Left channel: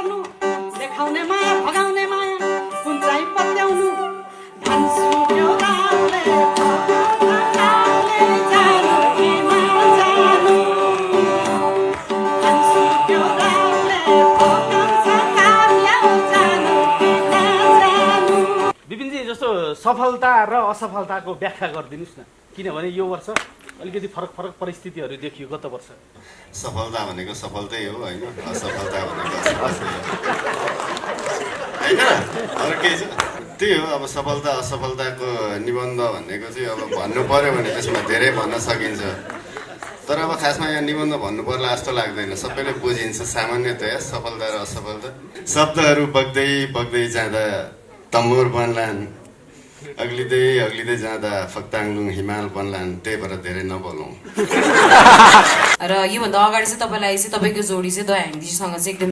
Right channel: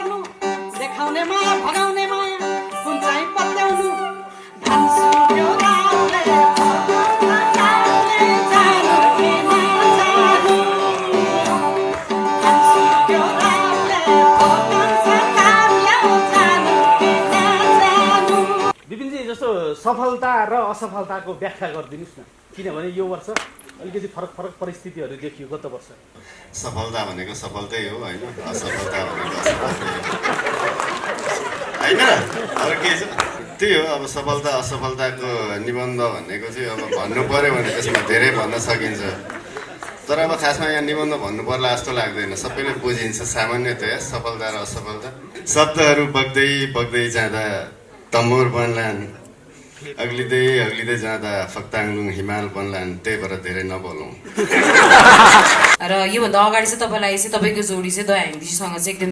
गर्नु देखाउने माया भगाउने माया कुन चाहिँ पत्याउनु भन्छु एउटाले जानु कि नजानु भन्छु एउटाले जानु कि नजानु। विपिनजी जस्तो सफलता र असफलताको व्याख्या गरिदिनुहोस् न, किनभने यो वर्ष अलिकति फरक फरक परिस्थितिहरू देखियो गत वर्ष। सफलता भनेको सफलतै हो होइन, असफलता भनेको असफलतै हो होइन, अरू केही छ? त्यही हो, अब सफलता असफलताको निबन्ध भनेको चाहिँ अब भन्नु पर्यो भने त्यसमा धेरै भन्न सकिन्छ, तर अब खासमा यहाँ निबन्ध भन्नु पर्ला जस्तो लाग्दैन। सबैले बुझिन्छ सामान्यतया सफलता र असफलता। शब्दहरू बग्दै बग्दै जाँदा तम्बुर बन्लान्, अग्लिँदै अग्लिँदै जाँदा फक्ताङलुङ हिमाल बन्लान्, त्यही भएर धेरै नबोलौँ। र योभन्दा अगाडि चाहिँ तपाईँलाई चाहिँ तपाईँको जोडी चाहिँ दयाहाङजीसँग चाहिँ एकदम